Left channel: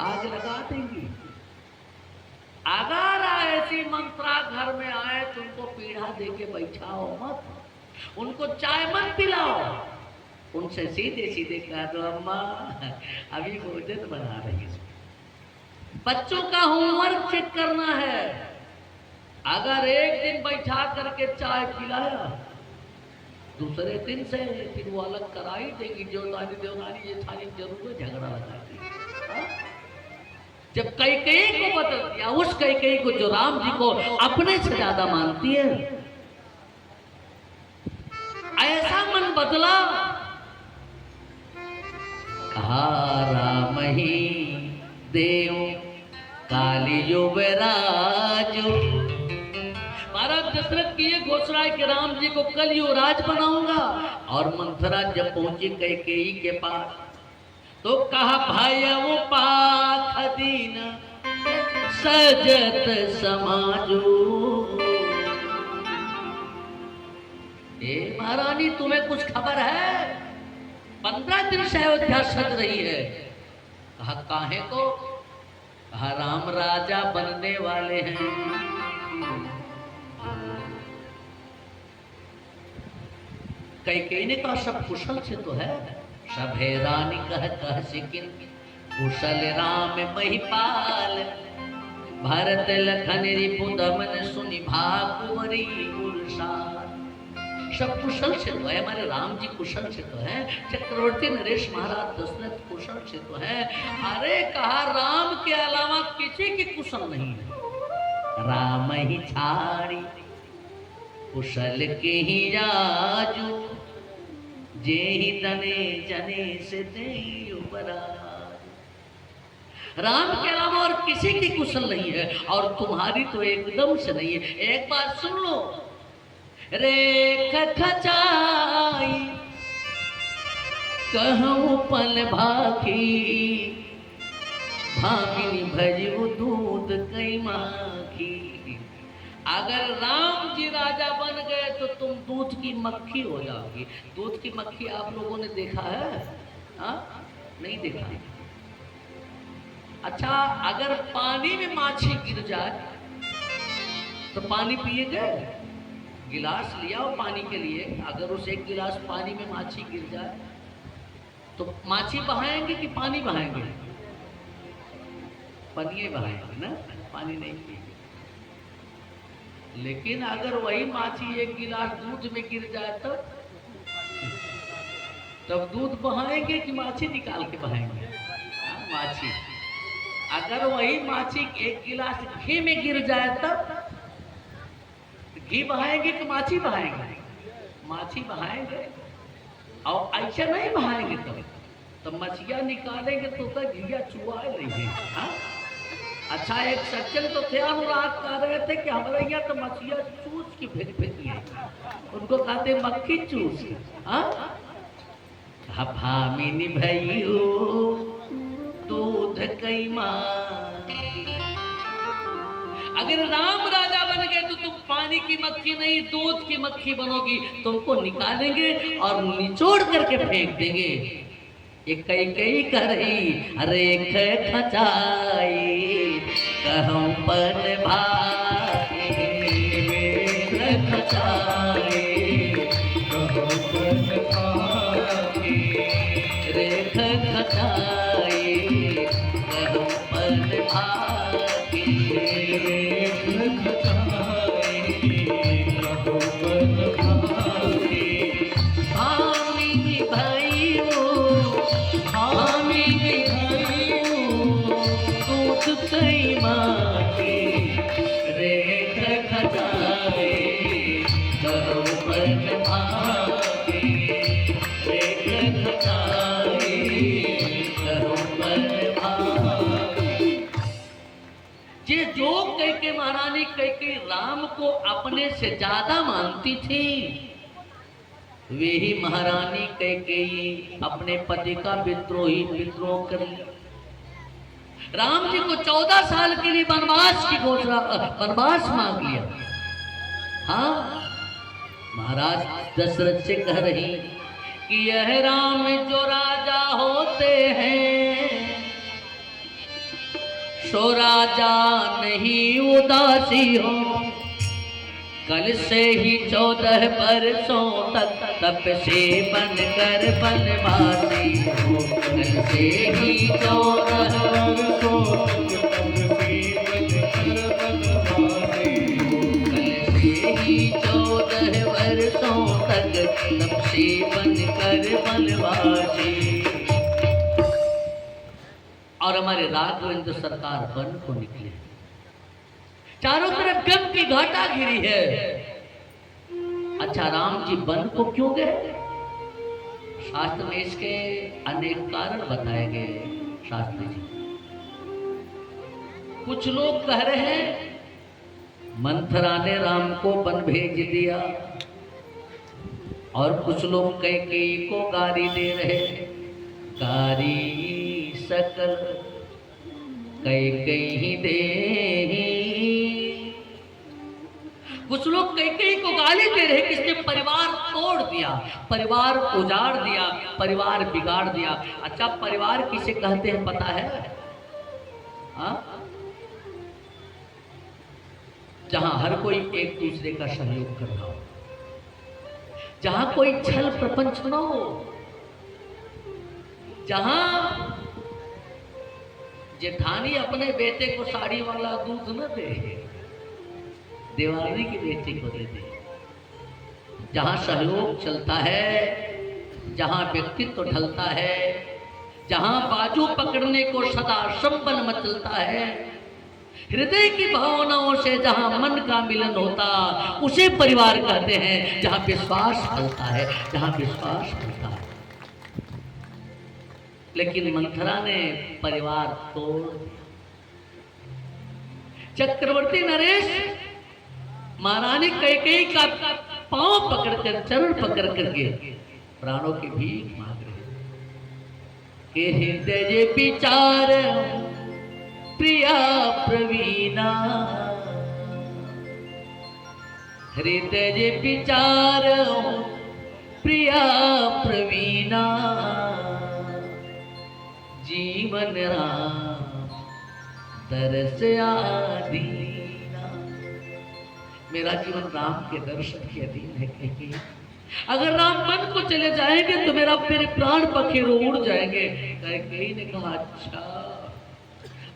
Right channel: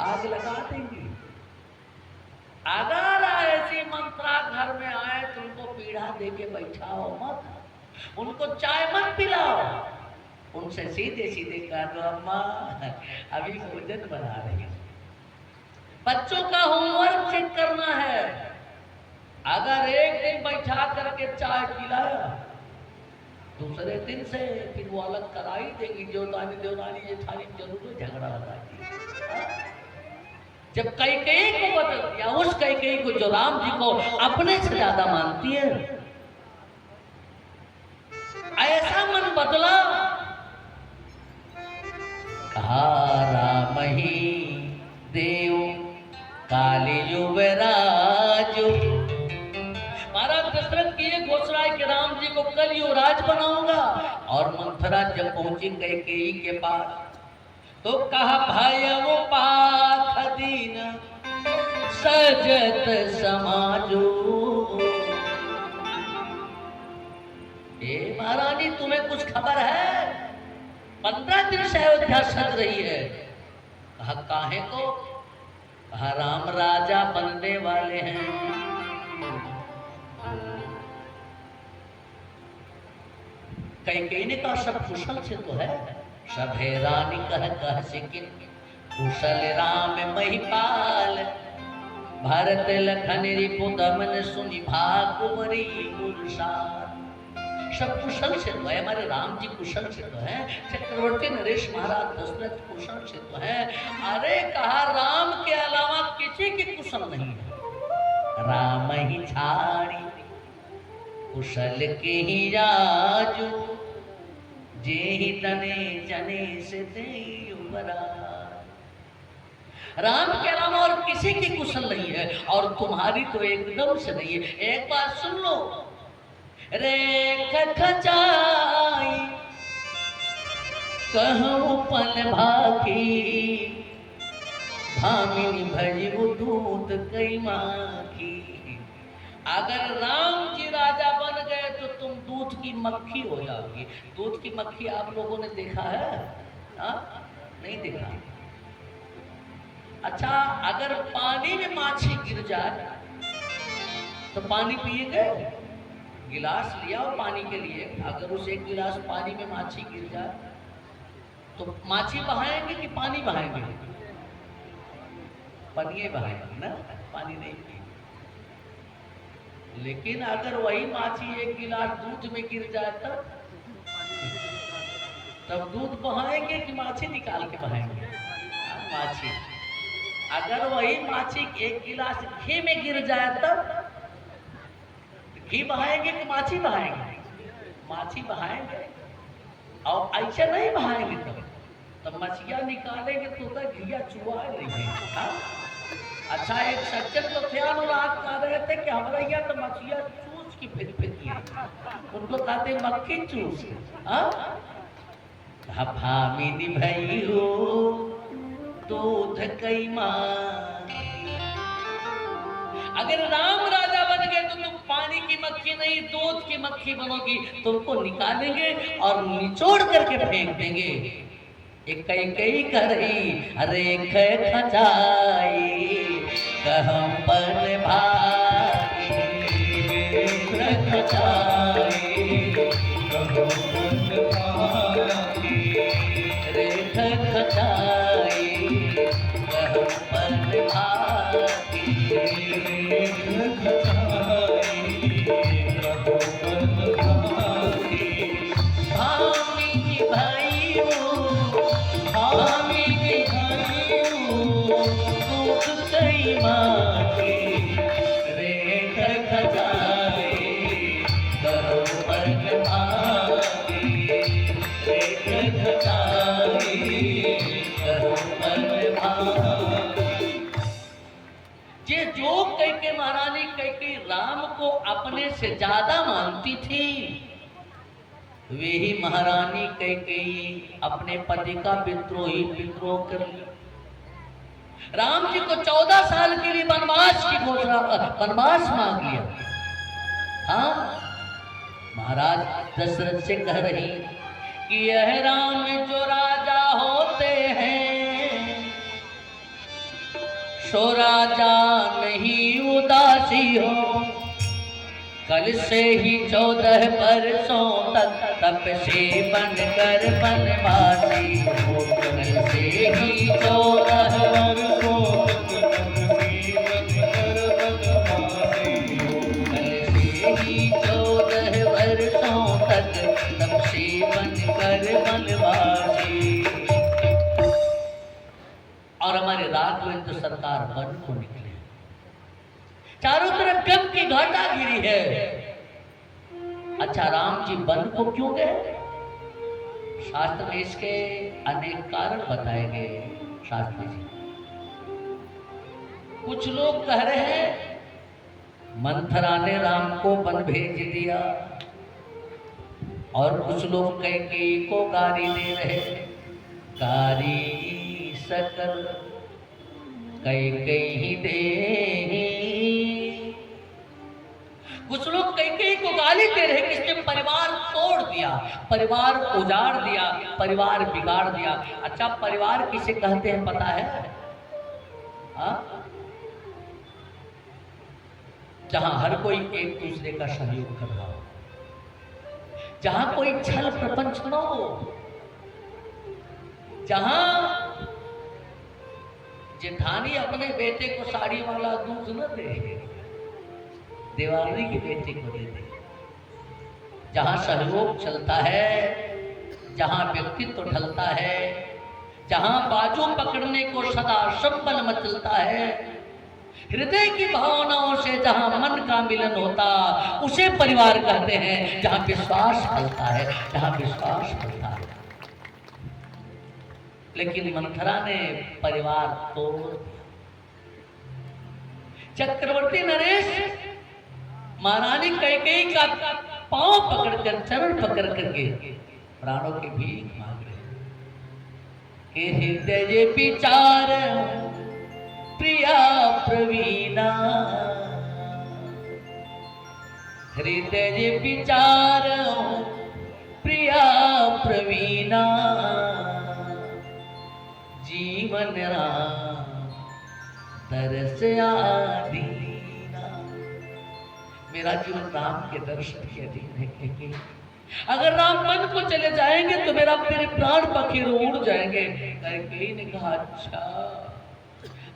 आग लगा देंगी। अगर ऐसी मंत्रा घर में आए तो उनको पीढ़ा दे के बैठाओ मत, उनको चाय मत पिलाओ, उनसे सीधे सीधे कह दो अम्मा अभी भोजन बना रही है, बच्चों का होमवर्क चेक करना है। अगर एक दिन बैठा करके चाय पिलाया, दूसरे दिन से फिर वो अलग कराई देगी। जोतानी देवरानी ये थाली जरूर झगड़ा लगाएगी। जब कैकेयी को बदल दिया, उस कैकेयी को जो राम जी को अपने से ज्यादा मानती है, ऐसा मन बदला। कहा राम ही देव काली युवराज। महाराज दशरथ की ये घोषणा है कि राम जी को कल युवराज बनाऊंगा। और मंथरा जब पहुंची कैकेयी के पास तो कहा भाई वो पाख दीन सजत समाजो। ए महारानी तुम्हें कुछ खबर है? 15 दिन से अयोध्या सज रही है। कहा काहे को? कहा राम राजा बनने वाले हैं। कैकेयी ने कहा सब कुशल से तो है, सब है रानी कह सिकिन कुशल राम महिपाल। भरत लखन रिपु दमन सुनि भाकुमरी कुलसाल। सब कुशल से तो है, हमारे राम जी कुशल से तो है, चक्रवर्ती नरेश महाराज दशरथ कुशल से तो है। अरे कहा राम के अलावा किसी की कुशल नहीं है। राम ही छाड़ी कुशल के ही राजू, जे ही तने जने से दे बरा। राम के अलावा और किसी की कुशल नहीं है, और तुम्हारी तो एकदम से नहीं है। एक बार सुन लो, रेख खचाई कहूँ पल भागी, भागिन भजू दूध कई माखी। अगर राम जी राजा बन गए तो तुम दूध की मक्खी हो जाओगी। दूध की मक्खी आप लोगों ने देखा है? नहीं देखा। अच्छा, अगर पानी में माछी गिर जाए तो पानी पिएगे? गिलास लिया हो पानी के लिए, अगर उस एक गिलास पानी में माछी गिर जाए तो माछी बहाएंगे कि पानी बहाएंगे? पतिये बहाएंगे ना, पानी नहीं पिएंगे। लेकिन अगर वही माछी एक गिलास दूध में गिर जाए तब दूध बहाएंगे कि माछी निकाल के बहाएंगे? माछी। अगर वही माछी एक गिलास घी में गिर जाए तब घी बहाएंगे कि माछी बहाएंगे? माछी बहाएंगे। और ऐसे नहीं बहाएंगे तब मछलियां निकालेंगे तो घिया चुआ नहीं है। अच्छा, एक सज्जन तो थे, अनुराग कह रहे थे कि हमारे यहाँ तो मछलियां चूस की फेंक फेंकी है, उनको कहते मक्खी चूस के। भामिनी भैलो दूध कई मां। अगर राम राजा बन गए तो तुम पानी की मक्खी नहीं दूध की मक्खी बनोगी। तुमको निकालेंगे और निचोड़ करके फेंक देंगे। एक कैकेयी कर रही, अरे खचाई कहूँ पल भाई, खचाई कहूँ पल भाई, रे खचाई कहूँ पल भाई, कई माखी रेख खचाई कहूँ पल भाई, रेख खचाई कहूँ पल भाई। ये जो कैकेयी महारानी कैकेयी राम को अपने से ज्यादा मानती थी, वे ही महारानी कैकेयी अपने पति का विद्रोह करी। राम जी को 14 साल के लिए वनवास की घोषणा, वनवास मांग लिया। हाँ, महाराज दशरथ से कह रही कि यह राम जो राजा होते हैं सो राजा नहीं उदासी हो, कल से ही 14 बरसों तक तप से बनकर बनवासी हो, कल से ही 14 बरसों ही 14 वर्षों तक तब से बनकर बनवासी। और हमारे राघवेंद्र सरकार वन को निकले, चारों तरफ गम की घाटा घिरी है। अच्छा, राम जी वन को क्यों गए? शास्त्र में इसके अनेक कारण बताए गए। शास्त्र में कुछ लोग कह रहे हैं मंथरा ने राम को वन भेज दिया, और कुछ लोग कैकेयी को गारी दे रहे, गारी सकल कैकेयी दे। कुछ लोग कैकेयी को गाली दे रहे कि इसने परिवार तोड़ दिया, परिवार उजाड़ दिया, परिवार बिगाड़ दिया। अच्छा, परिवार किसे कहते हैं पता है? हाँ, जहां हर कोई एक दूसरे का सहयोग कर रहा हो, जहां कोई छल प्रपंच न हो, जहां जेठानी अपने बेटे को साड़ी वाला दूध न दे, दिवाली की बेटी को दे दे, जहां सहयोग चलता है, जहां व्यक्तित्व ढलता है, जहां बाजू पकड़ने को सदा संबल मचलता है, हृदय की भावनाओं से जहां मन का मिलन होता, उसे परिवार कहते हैं। जहां विश्वास चलता है, जहां विश्वास चलता है। लेकिन मंथरा ने परिवार तोड़, चक्रवर्ती नरेश महारानी कैकेयी का पांव पकड़कर, चरण पकड़ करके प्राणों की भीख मांग रहे। हृदय विचार प्रिया प्रवीणा, हृदय विचार प्रिया प्रवीणा, जीवन राम दरस आदीना। मेरा जीवन राम के दर्शन के अधीन है। अगर राम मन को चले जाएंगे तो मेरा फिर प्राण पखेरु उड़ जाएंगे। कैकेयी ने कहा अच्छा,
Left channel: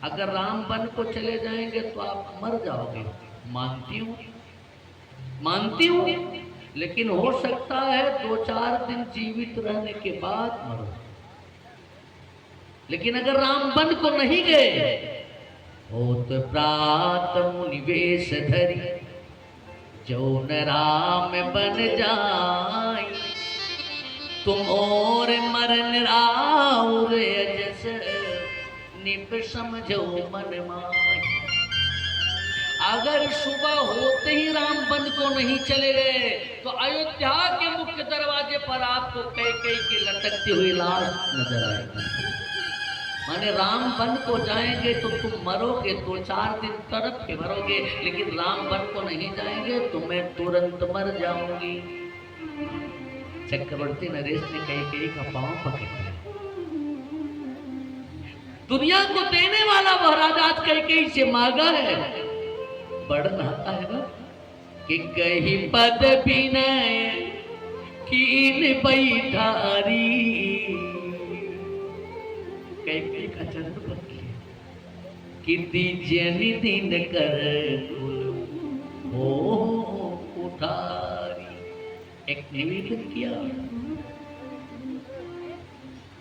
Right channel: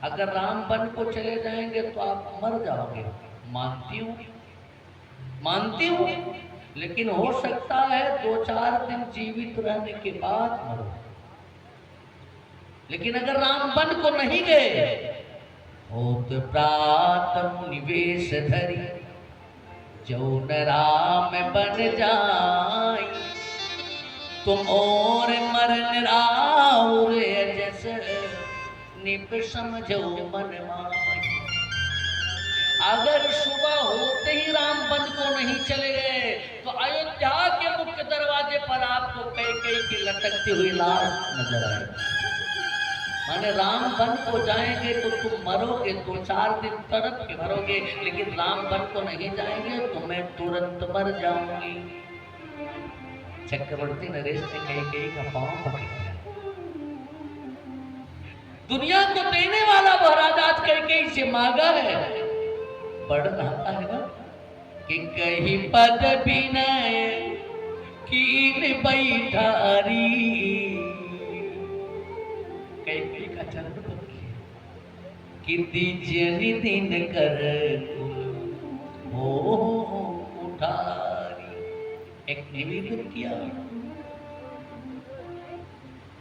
अगर राम वन को चले जाएंगे तो आप मर जाओगे। मानती हूँ, लेकिन हो सकता है 2-4 दिन जीवित रहने के बाद मरो। लेकिन अगर राम वन को नहीं गए, होत प्रात मुनिवेश धरि, जो न राम बन जाए, तुम और मरण राउर अजस निप समझो मन माय। अगर सुबह होते ही राम वन को नहीं चले गए तो अयोध्या के मुख्य दरवाजे पर आपको कैकेयी की लटकती हुई लाश नजर आएगी। माने राम वन को जाएंगे तो तुम मरोगे, 2-4 दिन तड़प के मरोगे, लेकिन राम वन को नहीं जाएंगे तो मैं तुरंत मर जाऊंगी। चक्रवर्ती नरेश ने कैकेयी का पांव पकड़ा। दुनिया को देने वाला महाराज आज कैकेयी से मांगा है। पढ़ रहा है ना कि कहीं पद विनय कीन बैठारी, कैकेयी का जन्म कीर्ति जनि दिन कर हो उठारी। एक निवेदन किया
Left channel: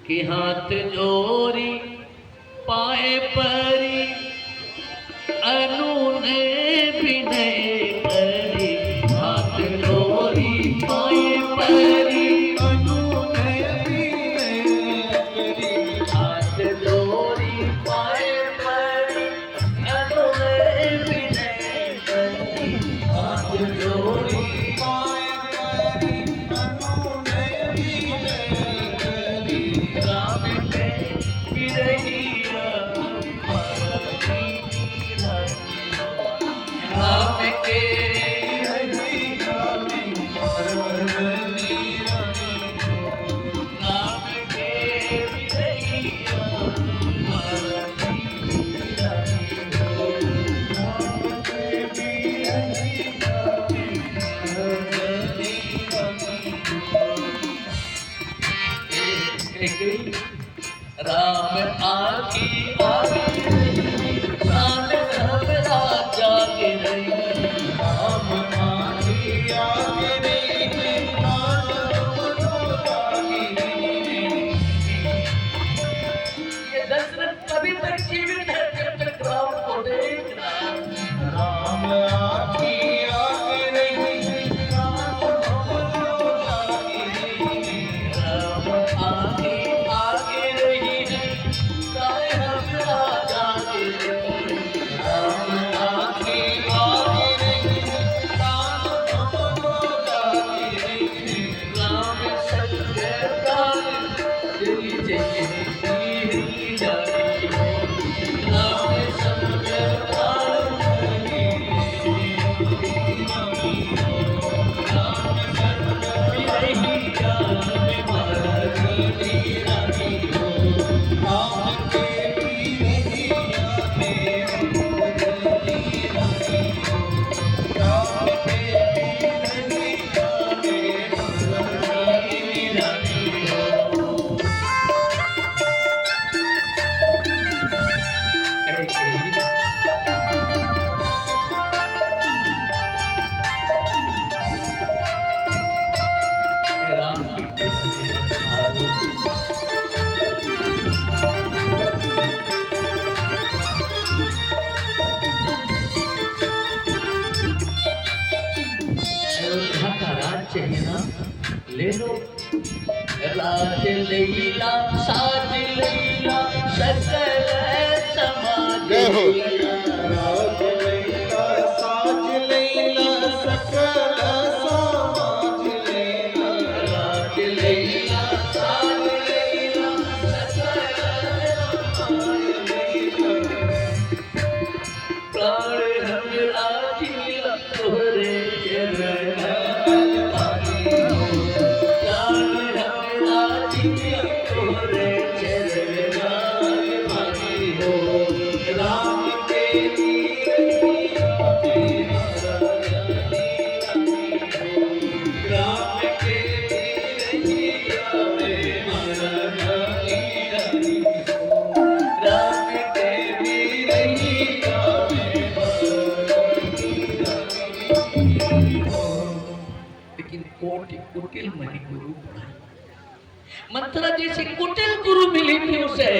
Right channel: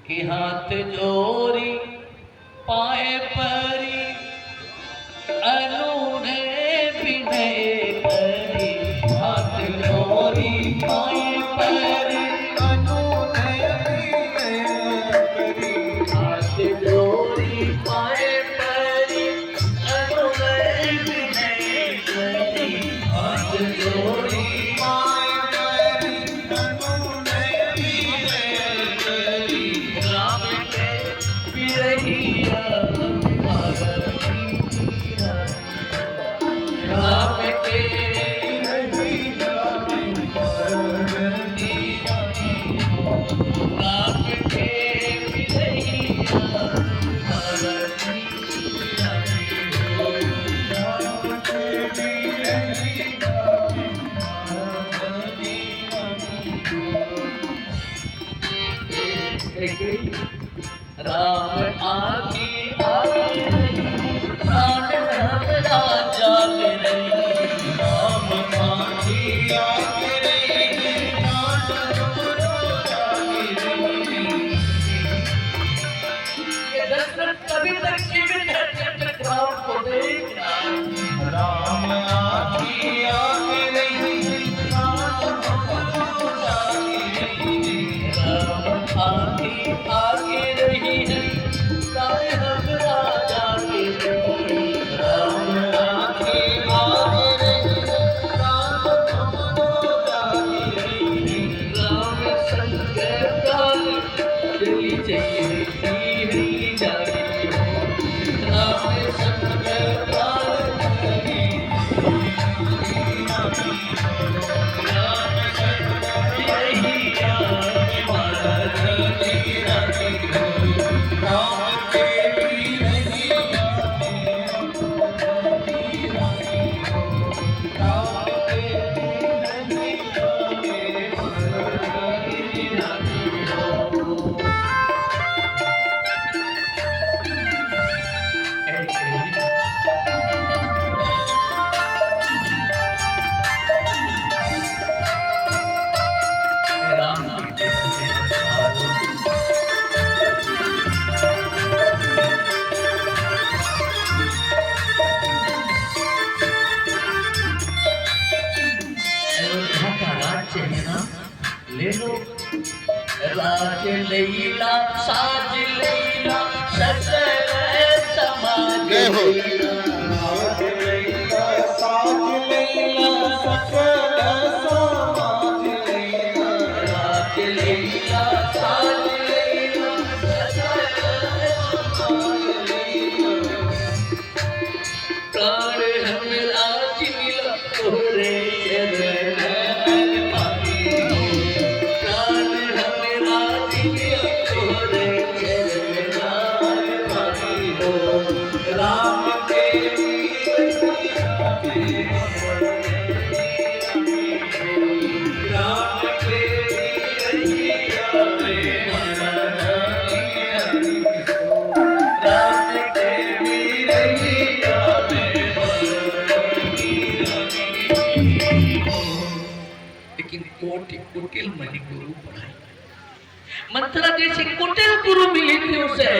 कि हाथ जोड़ी पाए परी अनूने विनय करी, हाथ जोड़ी पाए परी अनूने विनय करी, हाथ जोड़ी पाए परी अनूने विनय करी, हाथ जोड़ी पाए परी अनूने विनय करी, राम के विरहिया राम आखी आगे प्राण हमरा जागे रही। राम आखी आगे रही, प्राण हमरो जागे रही। ये दशरथ कभी तक जीवित है जब तक राम को देख रहा है। राम आखी आगे रही, प्राण हमरो जागे रही। राम आखी आगे रही है प्राण हमरा जागे रही। राम आखी आगे रही, प्राण हमरो जागे रही। राम संग काल चली चली हरी जाती है। राम संग काल यही राम मारा चली जाती है। राम तेरी रहिया में चलती रही। राम तेरी रहिया में चलती रही। राम की अयोध्या का राज्य है ना, ले लो। राज लैला साज लैला सकल समाज जय हो। लैला। राज लैला साज लैला सकल समाज लैला। राज लैला साज लैला सकल समाज लैला। प्राण हमरा जिया तोरे चरण पाई हो। प्राण हमरा जिया तोरे चरण पाई हो। राम तेरी रहिया में राम तेरी रहिया में राम तेरी रहिया लेकिन कोटि कुटिल मणि गुरु बनाई। मंत्रा जैसे कुटिल गुरु मिली थी उसे।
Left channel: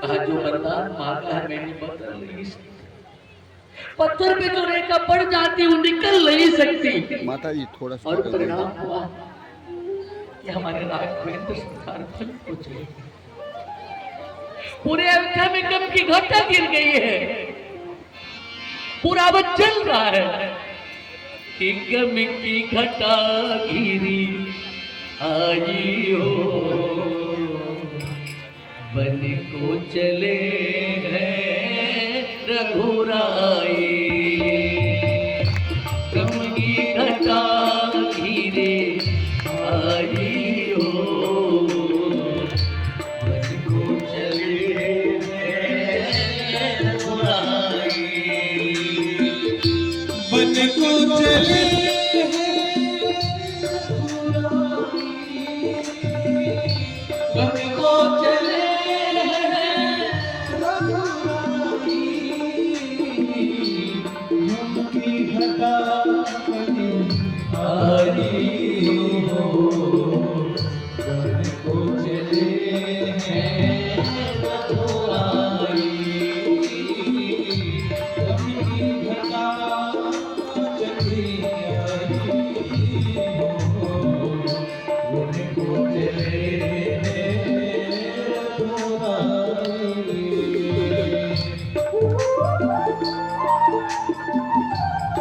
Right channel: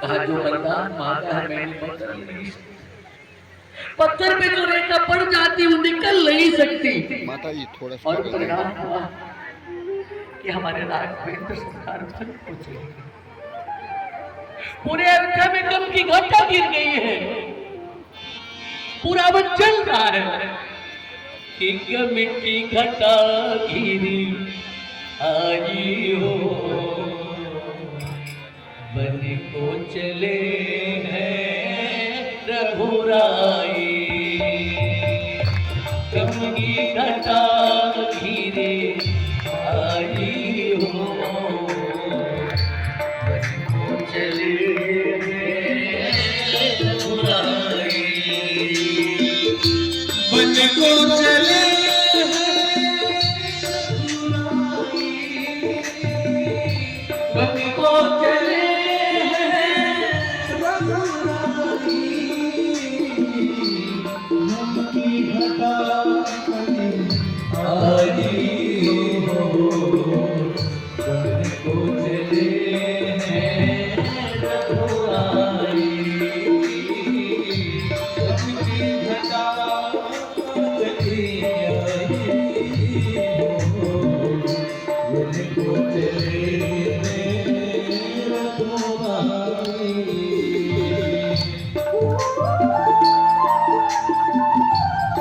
कहा जो वरदान मांगा है मैंने बदल नहीं सकती। पत्थर पे जो रेखा पड़ जाती वो निकल नहीं सकती। माता जी थोड़ा सा और परिणाम हुआ कि हमारे राज में इंद्रसंहार हो गया। पूरे अयोध्या में गम की घटा गिर गई है। पूरा वो चल रहा है कि गम की घटा गिरी आई हो। बन को चले हैं रघुराई। गम की घटा गिरी आई हो। बन को चले हैं रघुराई। बन को चले बन को चले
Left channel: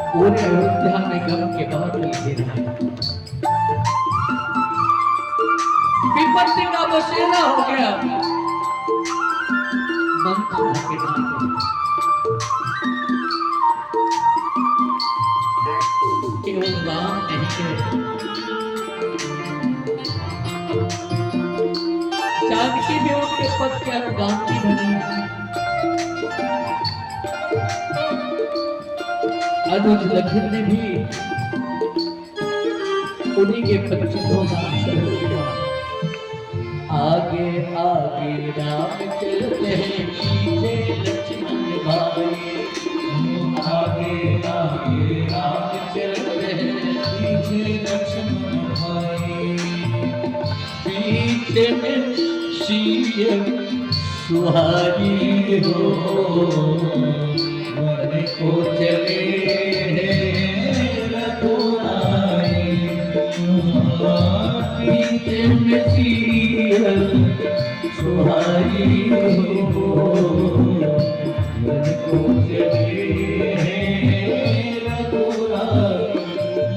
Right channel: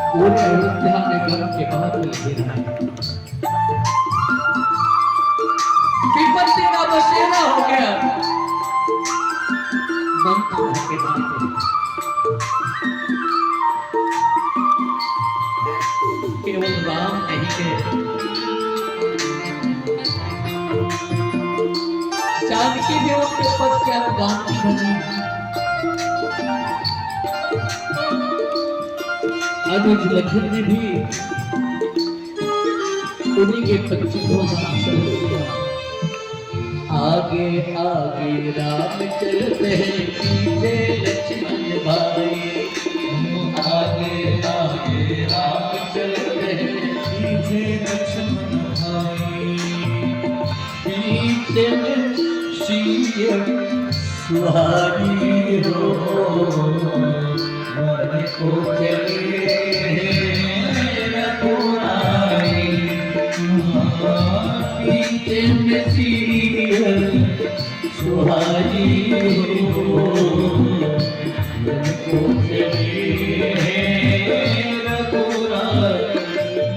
पूरे अयोध्या में गम के बादल घेरा है। विपत्ति का बसेरा हो गया। मंथन के नाते केवल राम नहीं है, जानकी भी उनके पद के अनुगामी बनी। अनुज लखन ने भी उन्हीं के 25 साल से आगे आगे राम चलते पीछे लक्ष्मण भाई। आगे आगे राम चलते पीछे लक्ष्मण भाई। पीछे सीय सुहाई हो वन को चले रघुराई। पीछे में सीय सुहाई हो वन को चले रघुराई।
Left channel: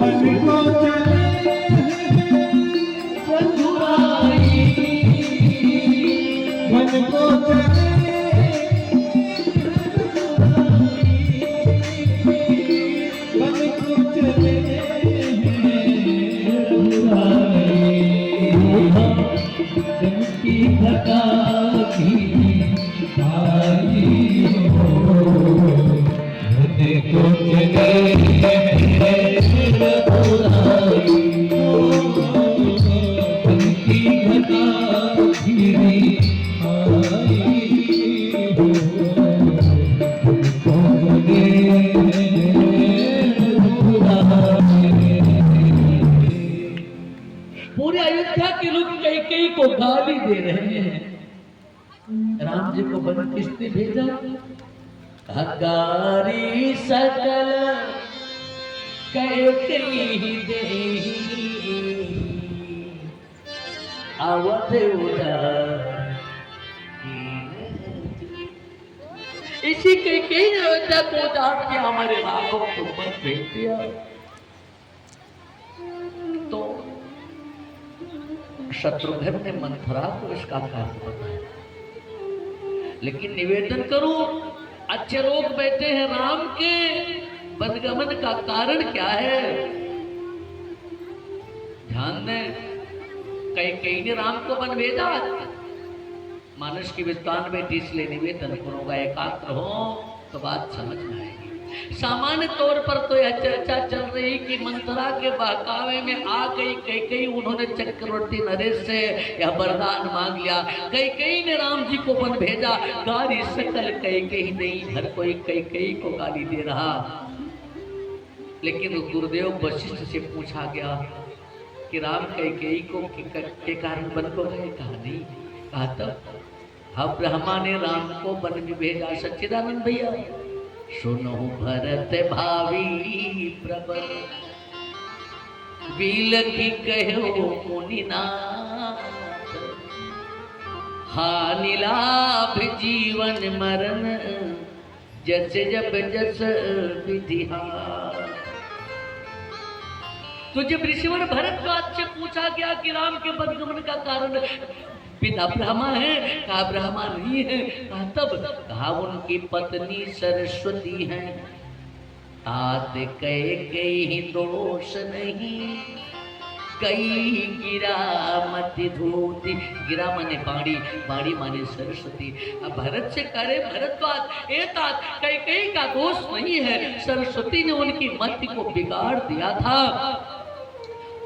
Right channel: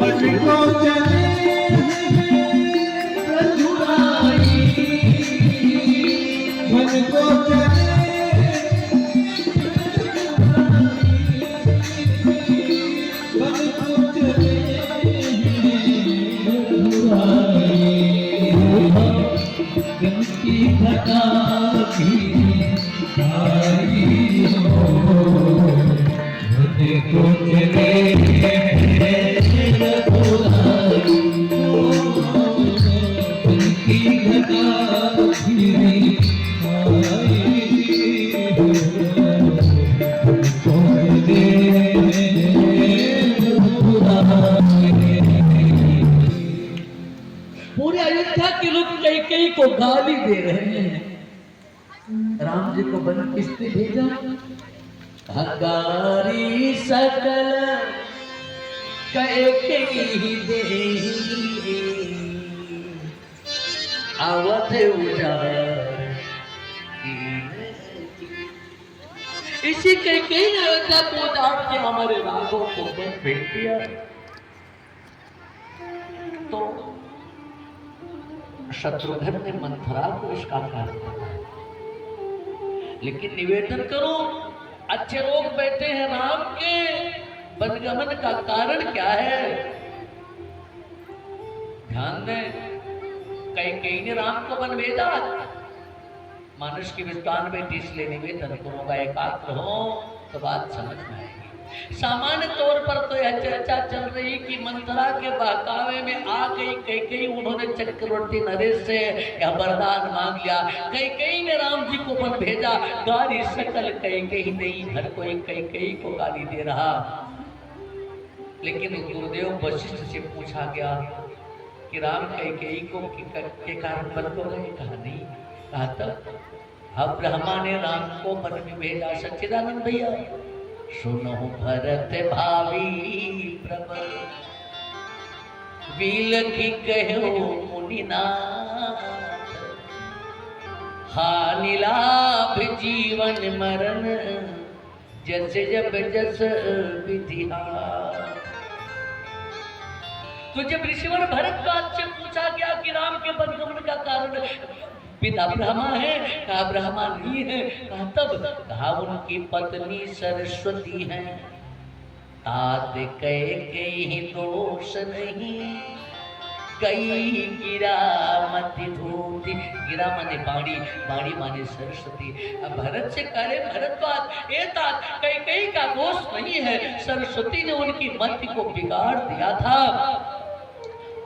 वन को चले रघुराई। वन को चले वन को चले की घटा की आई हो। वन को चले रघुराई। की घटा घिरी आई हो। को पूरे अयोध्या के लोग कई को गाली दे रहे हैं। राम जी को वन किसने भेजा? हंगारी सकल कई देही अवध इसी के अयोध्या को उजाड़ के हमारे राघव को वन भेज दिया। तो शत्रुघ्न ने मंथरा को इसका कारण बताया, लेकिन निवेदन करो अच्छे लोग बैठे हैं, राम के वनगमन का कारण क्या है? ध्यान दें, कई ने राम को वन भेजा। मानुष की विस्तार में इसलिए निवेदन करूंगा, एकाग्र हो तो बात समझ में आए। सामान्य तौर पर तो यह चर्चा चल रही कि मंथरा के बहकावे में आ गई कई उन्होंने चक्रवर्ती नरेश से यह वरदान मांग लिया। कई ने राम जी को वन भेजा। गाली सकल कई नहीं, हर कोई कई को गाली दे रहा। लेकिन गुरुदेव वशिष्ठ से पूछा गया कि राम कई को के कारण वन को गए? कहा नहीं। कहा तब ब्रह्मा ने राम को वन में भेजा। सच्चिदानंद भैया सुनो भरत भावी प्रबल बील की कहो मुनिनाथ। हानि लाभ जीवन मरण जैसे जब जस विधिहार। तुझे ऋषिवर भरद्वाज से पूछा गया कि राम के वनगमन का कारण पिता ब्रह्मा है? कहा ब्रह्मा नहीं है। कहा तब? कहा उनकी पत्नी सरस्वती है। तात कई दोष नहीं, कई गिरा मत धूति। गिरा माने बाड़ी, बाड़ी माने सरस्वती। अब भरत से करे भरद्वाज, ए तात कई का दोष नहीं है, सरस्वती ने उनकी मति को बिगाड़ दिया था।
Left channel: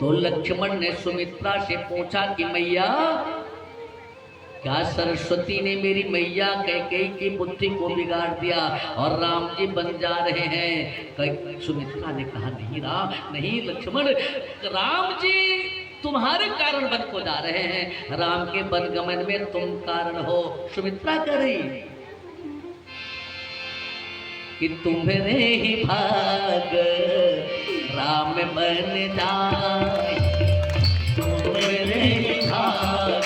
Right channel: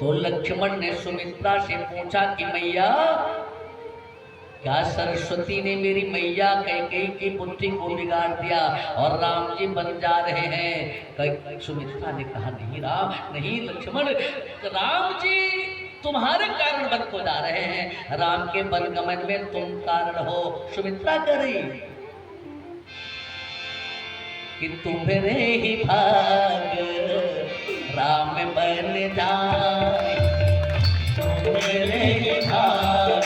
तो लक्ष्मण ने सुमित्रा से पूछा कि मैया क्या सरस्वती ने मेरी मैया कई की बुद्धि को बिगाड़ दिया और राम जी बन जा रहे हैं? सुमित्रा ने कहा नहीं राम नहीं लक्ष्मण, राम जी तुम्हारे कारण वन को जा रहे हैं। राम के वनगमन में तुम कारण हो। सुमित्रा कह रही कि तुम्हारे ही भाग राम बन जाए, तुम्हारे ही भाग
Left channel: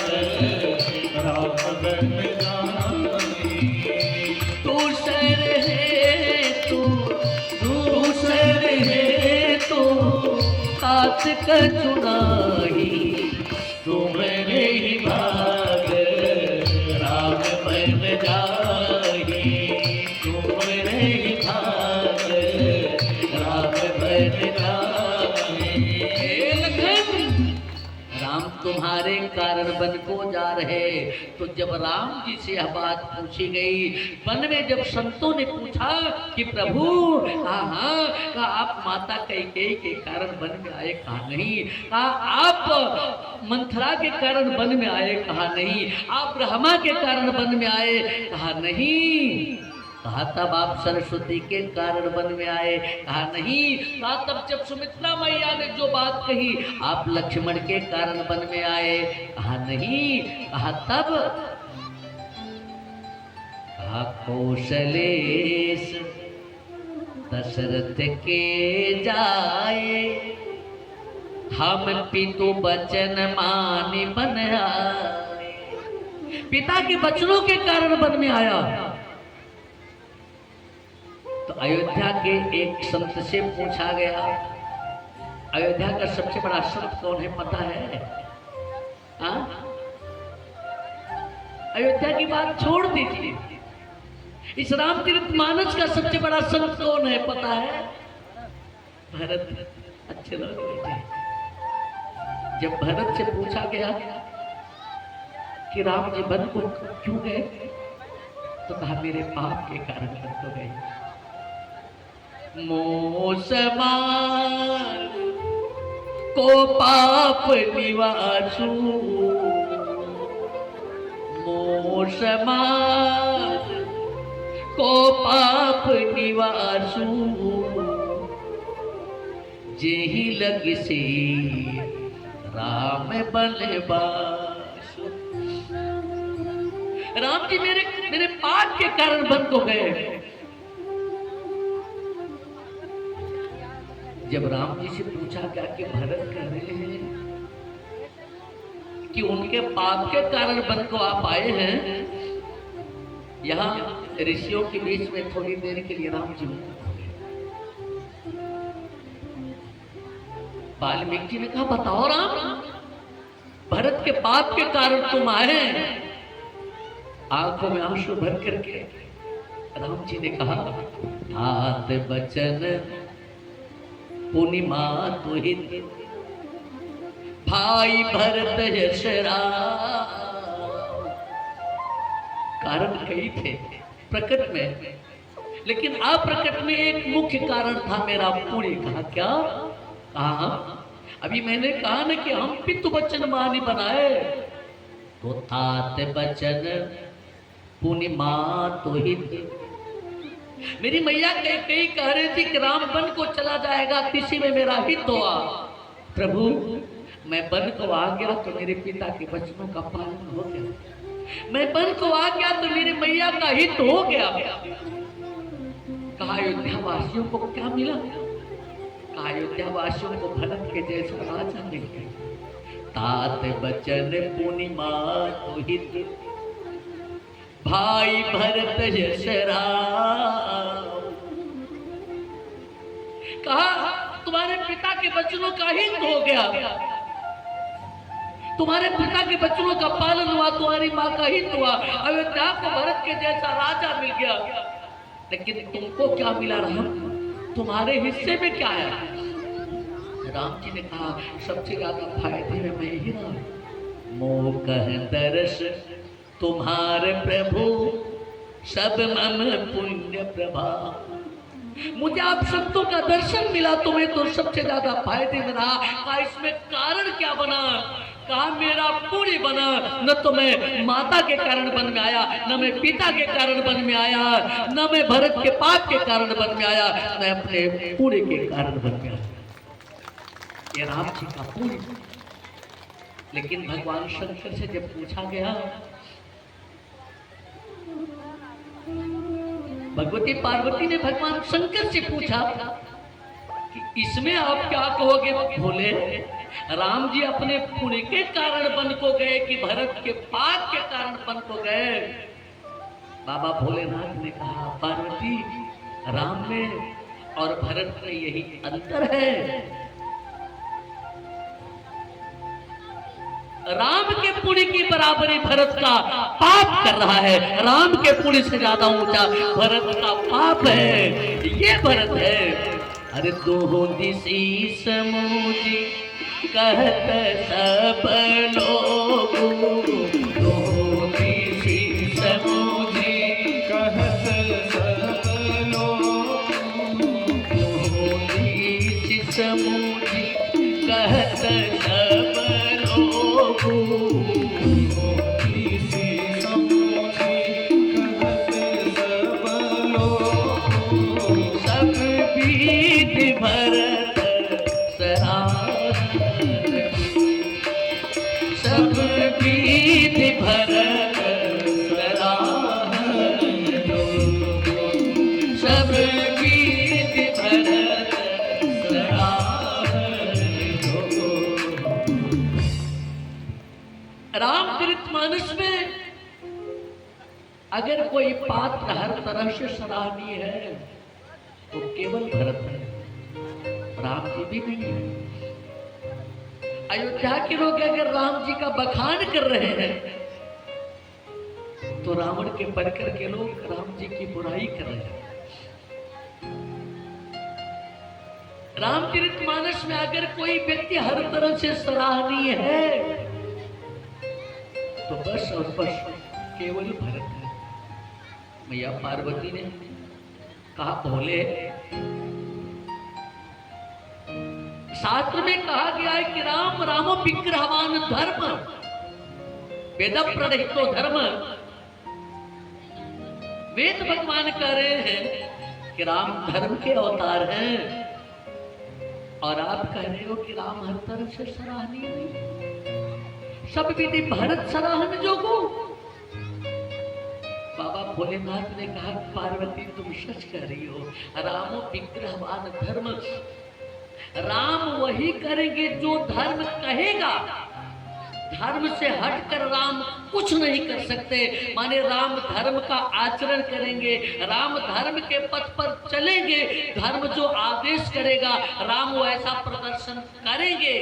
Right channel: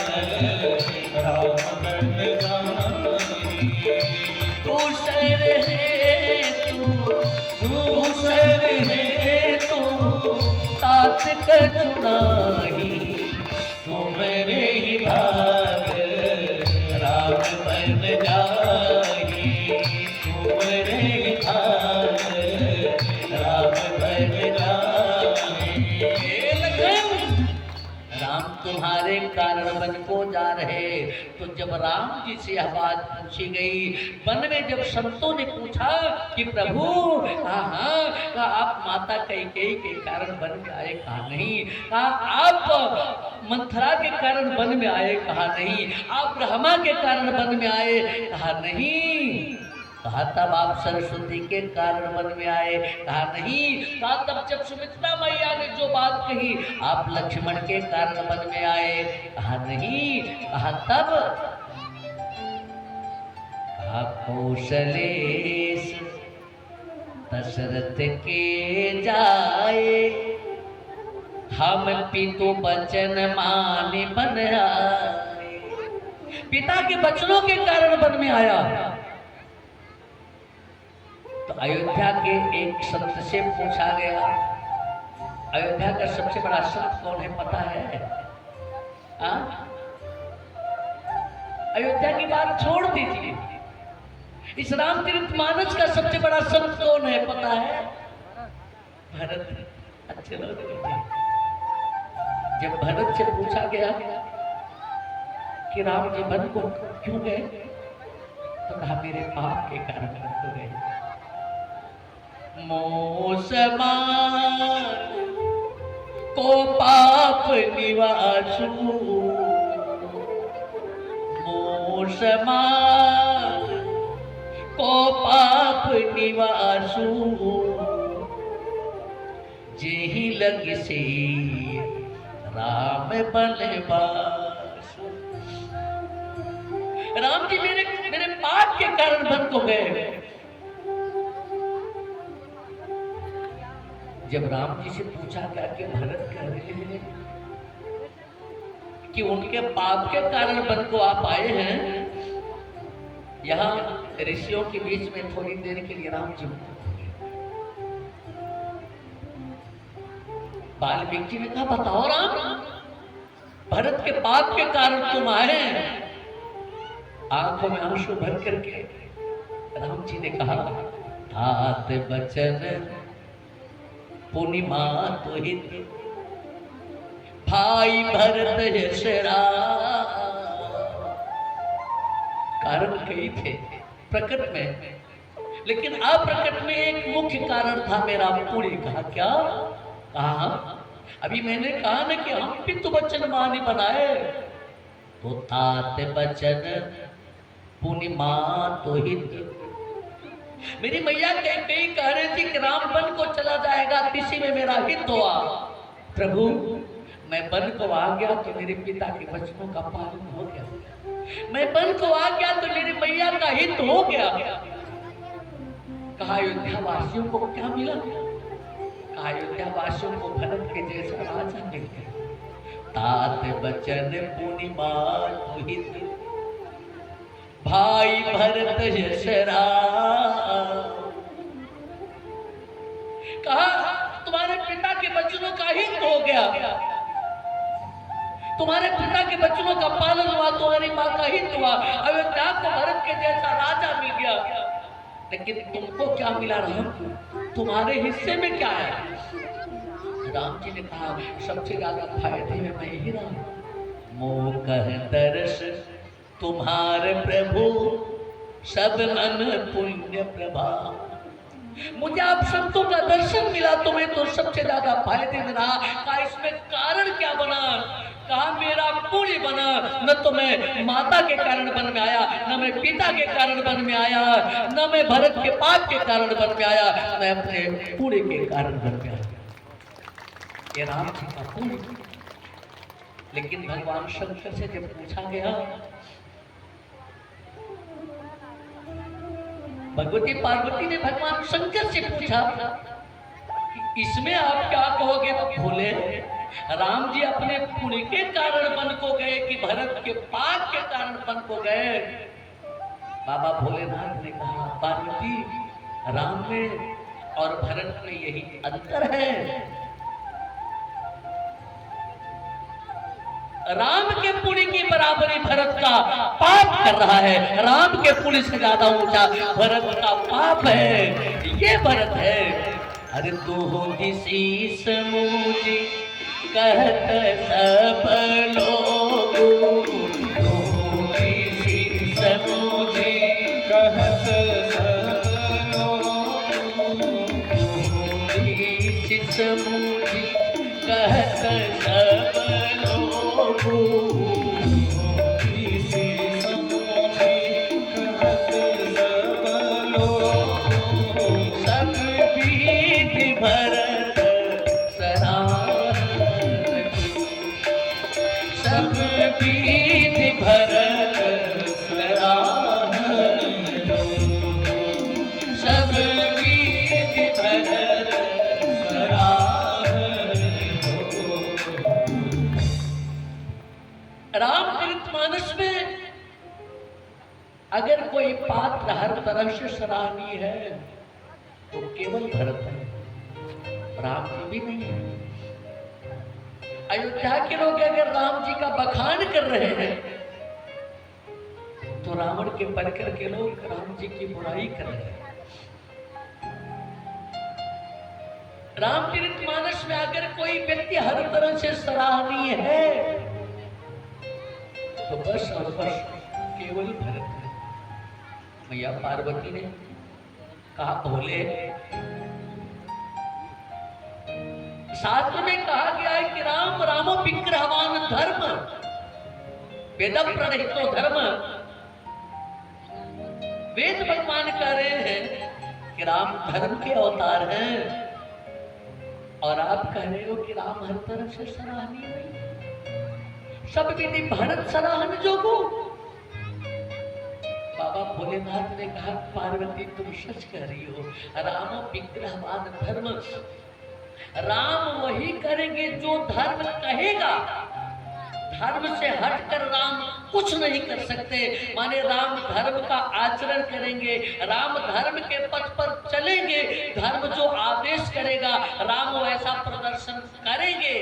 राम बन जाए। तू सर है तू सर है तू हाथ कर चुनाई, तुम्हारे ही भाग राम बन जाए, तुम्हारे ही भाग राम बन जाए। राम तुम्हारे कारण वन को जा रहे, तो जब राम जी से यह बात पूछी गई, वन में जब संतों ने पूछा कि प्रभु कहा आप माता कैकेयी के कारण वन में आए, कहा नहीं। कहा आप मंथरा के कारण वन में आए, कहा नहीं। आप ब्रह्मा के कारण वन में आए, कहा नहीं। कहा तब आप सरस्वती के कारण वन में आए, कहा नहीं। कहा तब जब सुमित्रा मैया ने जो बात कही, आप लक्ष्मण के कारण वन में आए, कहा नहीं। कहा तब कहा कौशलेश दशरथ के जाए, हम पितु बचन माने बन आए। पिता के वचनों के कारण वन में आया। तो अयोध्या के एक संत से पूछा गया, अयोध्या का सबसे बड़ा संत कौन है पता है? अयोध्या की बात छोड़ दीजिए, इस रामचरित मानस का सबसे बड़ा संत कौन है पता है? भरत। अच्छे लोग। जब भरत से पूछा गया कि राम जी वन को क्यों गए, तो कहा मेरे पाप के कारण वन को गए। मोसमा को पाप निवासु, मोसमा को पाप निवासु, जेहि लग से राम बलवासु। राम जी मेरे पाप के कारण वन को गए। जब राम जी से पूछा गया कि भरत कह रहे हैं कि उनके पाप के कारण वन को आप आए हैं, यहाँ ऋषियों के बीच में थोड़ी देर के लिए राम जी वाल्मीकि जी ने कहा बताओ राम, भरत के पाप के कारण तुम आए। आंखों में आंसू भर करके राम जी ने कहा हाथ बचन पूर्णिमा तुहित, भाई भरत यशरा। कारण कई थे प्रकट में, लेकिन अप्रकट में एक मुख्य कारण था मेरा पूरी। कहा क्या? कहा अभी मैंने कहा ना कि हम पितु वचन मानी बनाए, तो तात बचन पूर्णिमा तुहित। मेरी मैया कई कह रही थी कि राम वन को चला जाएगा, किसी में मेरा हित हुआ। प्रभु मैं वन को आ गया तो मेरे पिता के वचनों का पालन हो गया, मैं वन को आ गया तो मेरी मैया का हित हो गया। कहा अयोध्या वासियों को क्या मिला? कहा अयोध्या वासियों को भरत के जैसा राजा मिल गया। तात बचन पूर्णिमा तुहित, भाई भरत यशरा। कहा तुम्हारे पिता के वचनों का हित हो गया, तुम्हारे पिता के वचनों का पालन हुआ, तुम्हारी माँ का हित हुआ, अयोध्या को भरत के जैसा राजा मिल गया। लेकिन तुमको क्या मिला राम? तुम्हारे हिस्से में क्या है? राम जी ने कहा सबसे ज्यादा फायदे में मैं ही रहा। मोह कह दर्श तुम्हारे प्रभु, सब मम पुण्य प्रभा। मुझे आप संतों का दर्शन मिला, तुम्हें तो सबसे ज्यादा फायदे में रहा। कहा इसमें कारण क्या बना? कहा मेरा पुण्य बना। न तो मैं माता के कारण वन में आया, न मैं पिता के कारण वन में आया, न मैं भरत के पाप के कारण वन में आया, न अपने पुण्य के कारण वन में आया। ये राम जी का पुण्य। लेकिन भगवान शंकर से जब पूछा गया, भगवती पार्वती ने भगवान शंकर से पूछा कि इसमें आप क्या कहोगे? भोले राम जी अपने पुण्य के कारण वन को गए कि भरत के पाप के कारण वन को गए? बाबा भोलेनाथ ने कहा पार्वती, राम में और भरत में यही अंतर है। राम के पुण्य की बराबरी भरत का पाप कर रहा है, राम के पुण्य से ज्यादा ऊंचा भरत का पाप है। ये भरत है। अरे दो दिशी समूची कहत सब लोग, दो दिशी अगर कोई पात्र हर तरह से सराहनीय है तो केवल भरत है, राम जी भी नहीं है। अयोध्या के लोग अगर राम जी का बखान कर रहे हैं तो रावण के बनकर के लोग राम जी की बुराई कर रहे हैं। रामचरितमानस में अगर कोई व्यक्ति हर तरह से सराहनीय है तो बस और बस केवल भरत है। मैया पार्वती ने कहा भोले, शास्त्र में कहा गया है कि राम रामो विग्रहवान धर्म वेद प्रणहितो धर्म। वेद भगवान कह रहे हैं कि राम धर्म के अवतार हैं और आप कह रहे हो कि राम हर तरफ से सराहनीय नहीं, सब विधि भरत सराहन जोगो। बाबा भोलेनाथ ने कहा पार्वती तुम सच कह रही हो, रामो विग्रहवान धर्म, राम वही करेंगे जो धर्म कहेगा, धर्म से हटकर राम कुछ नहीं कर सकते। माने राम धर्म का आचरण करेंगे, राम धर्म के पथ पर चलेंगे, धर्म जो आदेश करेगा राम वो ऐसा प्रदर्शन करेंगे।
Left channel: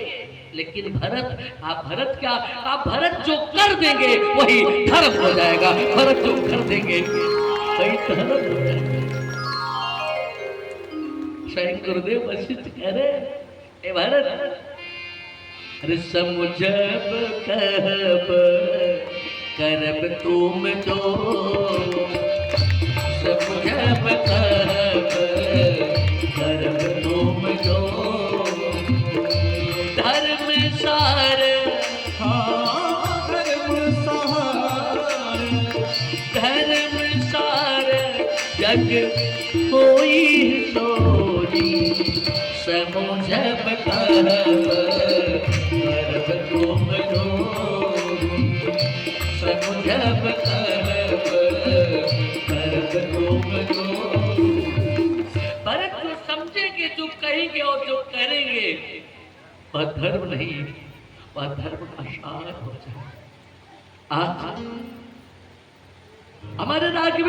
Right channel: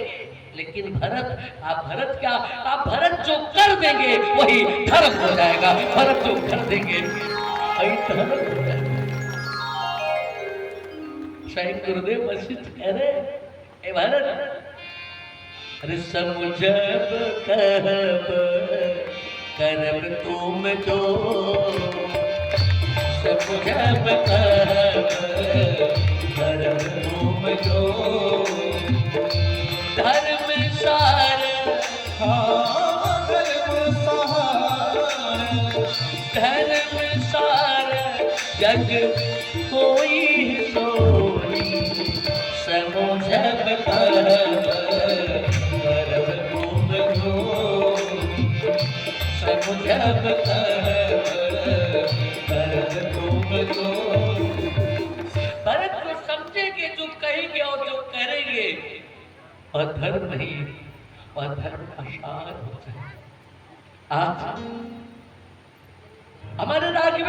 लेकिन भरत, आप भरत क्या, आप भरत जो कर देंगे वही धर्म हो जाएगा, भरत जो कर देंगे वही धर्म हो जाएगा। स्वयं गुरुदेव वशिष्ठ कह रहे ए भरत, अरे समुझब कहब करब तुम तो, समुझब कहब करब तुम तो, धर्म सार हाँ धर्म सहार, धर्म सार जग होई सोई, समुझब कहब भरत को समझेंगे जो कहेंगे और जो करेंगे और धर्म नहीं, वह धर्म असार हो जाए। आज हमारे राज्य में